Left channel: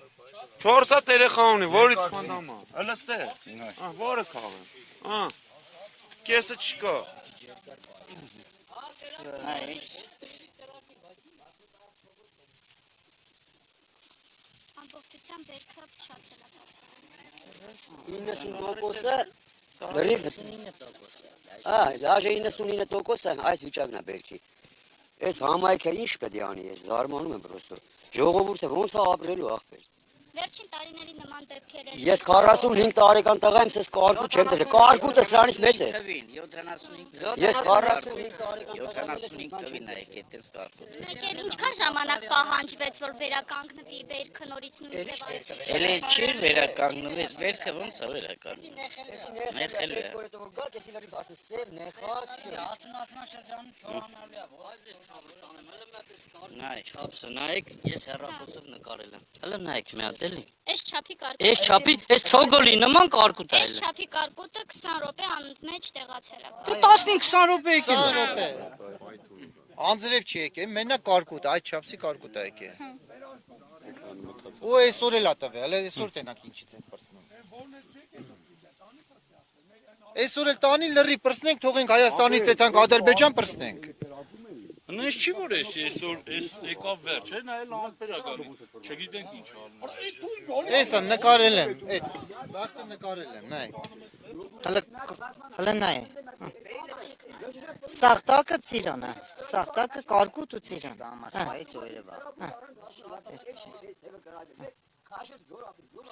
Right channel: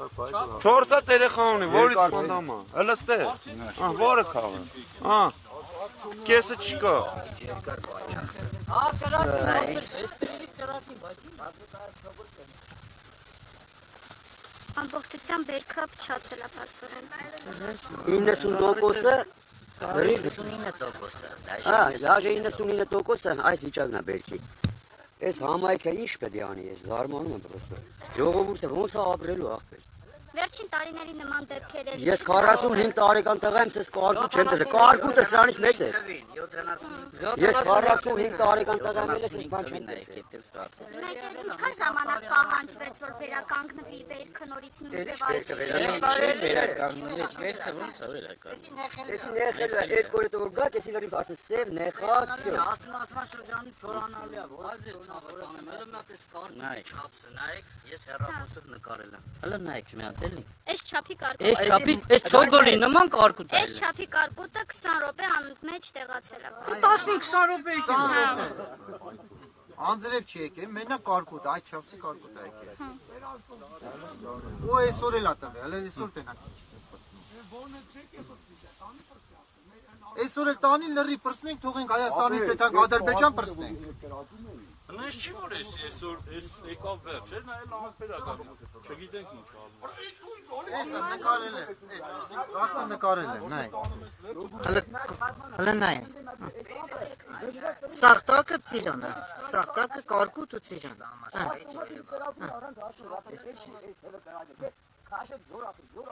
400 երեխա ունի, որից սանդամա։ Հələ ստեղ։ Որը քաղը։ Կեսը չկա։ Ամբողջությամբ բերքա փչացել է պաստորեն։ 90%-ը 99%-ը այս վիճակն է բերքի։ Այս համայնքը ինչ պետք է անի, ես զարմանում եմ պրոստը։ Ժողովուրդը ոնց է ապրելու ախպեր։ Վերջին տարիների նման դեպքեր են։ Ես 45 տարեկան տղա եմ, ես կարկուտ չեմ տեսել, կարկուտը սրանից մեծ է։ Ես 45 տարեկան տղա եմ, ես բան չեմ տեսել։ Մեկ էլ ինչքան ժամանակ պահանջվեց, որ վերականգնվի բերքը նորից նույն ձևացի։ Վերականգնվեց բերքը ոնց է վերականգնվել։ Էսի նեխելը այդ կորետ որ գա, կեսի վերիվ արդեն սև նեխած։ Ասման շրջանում չորանալի է, որ այ չափսը նայեք, ես հեռախոսով նկարել եմ։ Հələ նայեք մի հատ էլի։ Այս չափի կարկուտը։ Այս չափի, այս ցոգոլի նման կարկուտ է։ Այս չափի կարկուտը 20 րոպե անընդմեջ տեղացել է։ Դու 15-20 րոպե եկել։ Անձրև չի եկել, մենակ կարկուտ, այդ չափսի կարկուտ է եկել։ Ու այսօր էլ ա տվել, հələ այսօր տենակ ինչից են պրսնենք։ Այսօր էլ տանի լրի պրսնենք, թողենք Հայաստանից եթանք Ադրբեջան պրսնենք։ Նույնս չի որ այսօր եկավ վերջ, նայել ամպեր ա գալի, չգիտենք ինչ անում։ Էսա նկարել եմ, այդ վախտը նկարել եմ, նայ։ Հələ նայ։ Սաղտակը ծիրան է, սաղտակը կարկուտ ու ծիրան։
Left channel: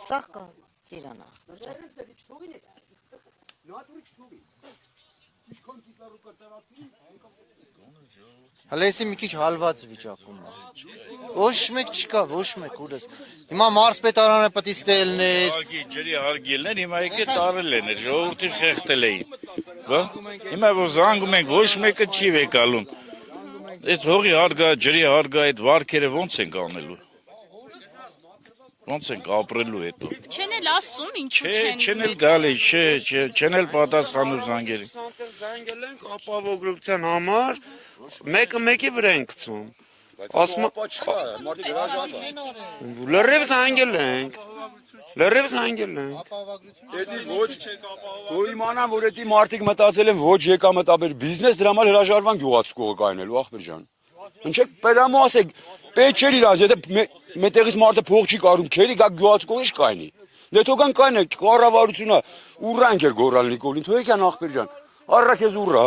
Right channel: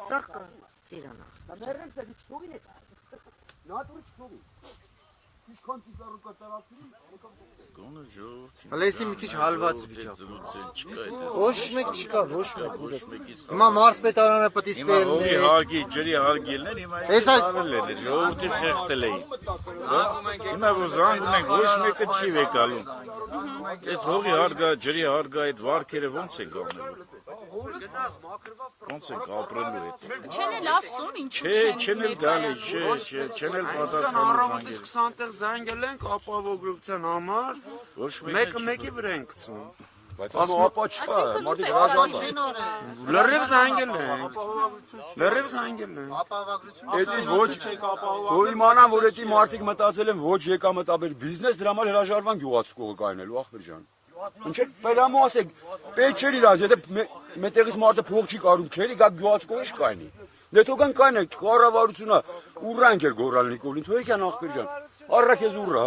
Սաղկը ծիրան է։ Հəլեսի մի քիչ հալված վիճակում։ Ոչ մեկ չկա, ոչ մեկ։ Հիմա մարզպետարանը պետք է ստելներ։ Հարգի, ջրի հարգելներ, հիմա եկել տարել են, ժողովրդին խեղդել էին։ Հիմա որ զանգում ենք, ոչ մեկը չի վեկալում։ Այդ հողի հարգա, ջրի հարգա, այդ վարկերը ոնց ենք անելու։ Ոնց ենք ապրելու հետո։ Չեն էլ ասում ինչու Չեն էլ գալի, չեն էլ պատասխանում զանգերի։ 20 տեղ զանգել ենք ապահովագրության համար, մեկը մեկի վրա են գցում։ Ասում ապա չկա, մարդիկ հրաժարվում։ Լրիվ զանգել ենք։ Լրիվ զանգել ենք։ Էդի ոչ որ իմանան որ էդի մարդիկ մտածել են ոչ եկամտաբեր բիզնես դրա համար հրաժարվան գյուղացու կայնելու ախպեր ջան։ Ինչեք պերամո ասեք, պետք չէ իրաց, եթե մետեղից մարդը փող չի կարում, քերի գա գյուղացու կողի կայնի։ Դե թողան կայնը կառավարությունը ուռանք էր գորալ Նիկոլին, թողեկան ախպեր ջան։ Առա քեզ ուռա։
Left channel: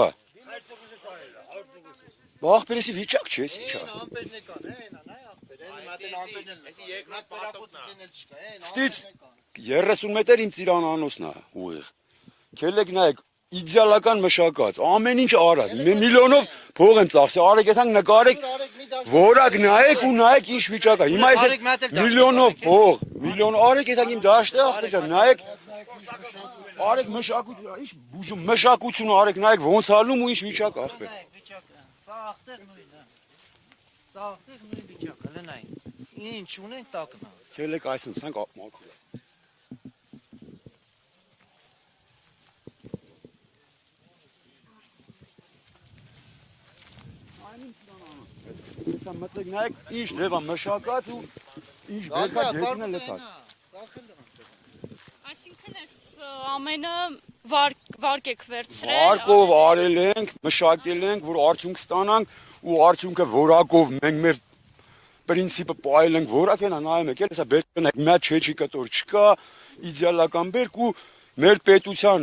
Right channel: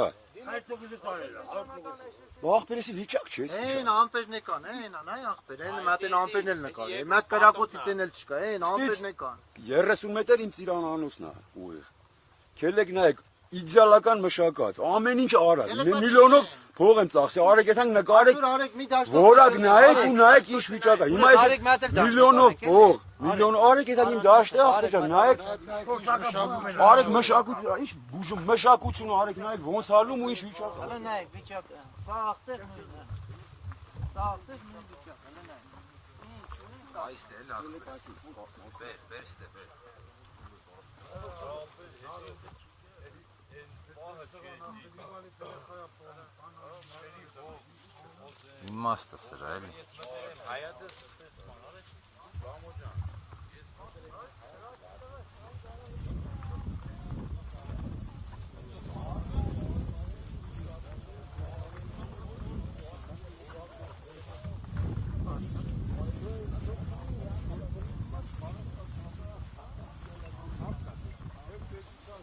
Ախպերիսի վիճակ չէ, ինչ։ Այն ամպերն եկան, այն նայ ախպեր, այն մատեն ամպերն էլ նկարել։ Մատ կրակոցից են էլ չկա, այն ամպերն եկան։ 30 մետր իմ ծիրանանոսն է ուղիղ։ Քելեք նայեք, իդեալական մշակած, ամեն ինչ արած, միլիոնով փող եմ ծախսել, արեք եթանք նկարեք, որակ նայեք ու նայեք ինչ վիճակ է։ Հիմա այս միլիոնով փող, միլիոն արեք եթանք իմ դաշտը, նայեք, արեք մշակություն, ինչ բուժում մշակություն արեք, նայեք ոնց ալնում ու ինչ վիճակ է։ Նայեք վիճակը, սա ախտեր վիճակ, հələ նայեք։ Ինչ ունենք տակ։ Քելեք այսինքն ցանկ Մտնեք ինչ դեպա մշակած ու ինչ բերկա ջերմն էլ էսա։ Այսինքն էս ամենը վարկ եք վերցրել։ Վարկով արել ենք, մշակել ենք, որ արդյունք ստանանք ու արդյունքը որակով մենք մեր պրինցիպը պահել ենք, որակ են նայում եք, հեսա բերքն եք մի չէ կտոր չկա, իդեալական բերք ու մեր պետության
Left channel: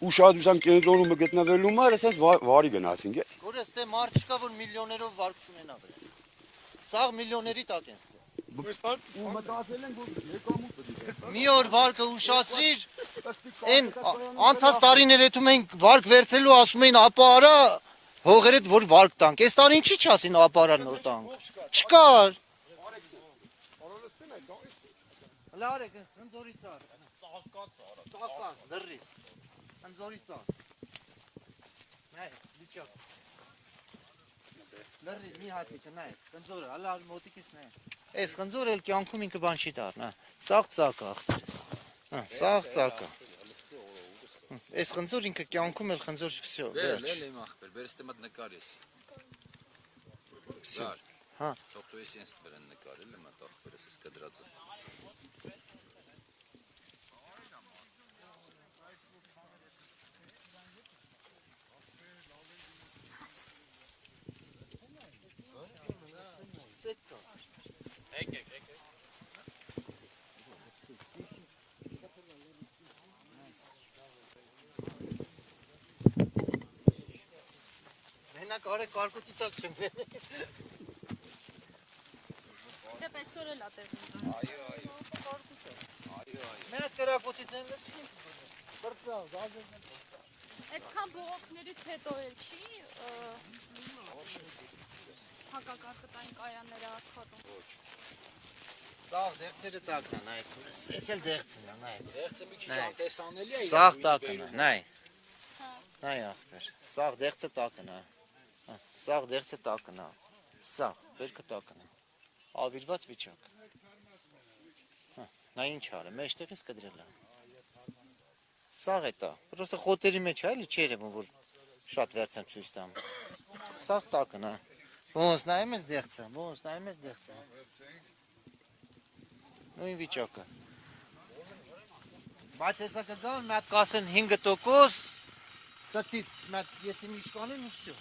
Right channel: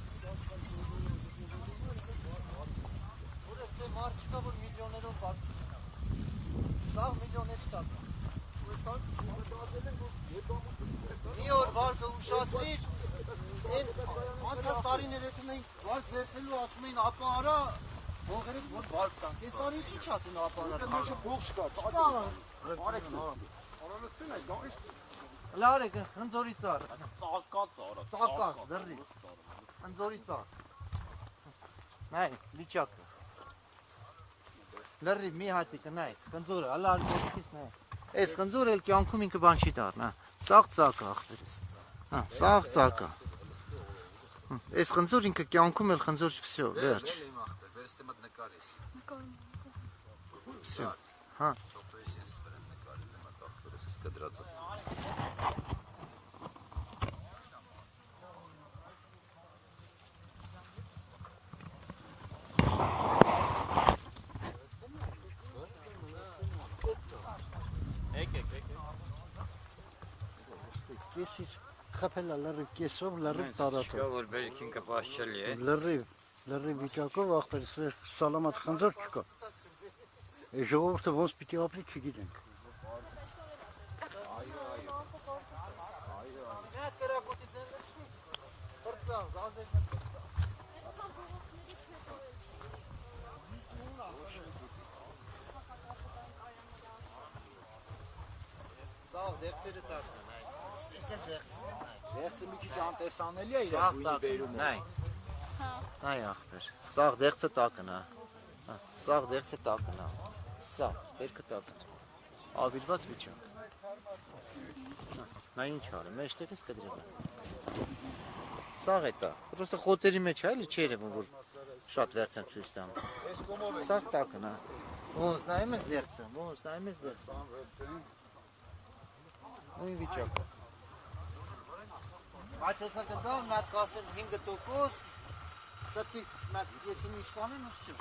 ուշադրության կենտրոնում գտնվելու համար էսես վարի գնացինք։ Որ էստե մարդ չկա, որ միլիոներով վարկ չունենա։ Սաղ միլիոների տակ են։ Մի օր վարկը ուշացրիր, այն անցած տարիներ հետում ենք վարկ վերցելու ասում էին ապա արա հողերդ որ վարկ տանք։ Այս տարի ինչի չասին ապա արա նոր տանք։ Չկար։ Լարեք, խնձորի ծառ։ Ծակակ, լրի։ Խնձորի ծառ։ Նայ, վիճակ։ Լրի մի հատիկը նայ, խնձորը, հələ ալքից նայ։ Այս խնձորը էլ կյանքում ինքը բան չի դառնա։ Սաղ ծակա ախպերս։ Հա, սաղ ծակա։ Այս խնձոր ինքը կյանքում էլ խնձոր չքսյո, վերջ։ Всё. Հա։ խփել է լրիվ կեսով, լրիվ տարածով։ որ բերքին կպաշճելի է։ Լրիվ վիճակով ախպեր սալամատ խնդրով չկա։ Ժողովուրդը ոնց պիտի ապրի չգիտենք։ Մենք կրակոցից են Այդքան բողոքներից հետո էլ չի հակակարգային կայանները աշխատում։ Սա դեղցերը տակն է, նայ։ Էս էլ դեղց, նայ։ Դեղցը մի քիչ անտեսանելի է։ Սաղ տակն է, նայ։ Նայ ախպեր։ Սաղ դեղցը տակն է։ Սաղ դեղցը տակն է։ Սա, բերքը տակն է։ Ալվիրված միջակ։ Նա ինչ արը, մեջտեղից կդրել է։ Սաղ է տա։ Պրոստը խոտերի մեջ է, էլի չի երևում, որ շատ վերց եմ ցույց տամ։ Սաղ տակն է։ Ոնց նայում ես դեղցը, ոնց նայում ես դեղցը։ Նույն վիճակը։ Բայց հեսա կգան, մի հատ կասեն 5%, սրտից մի հատ եսի միշկանին ու վсё։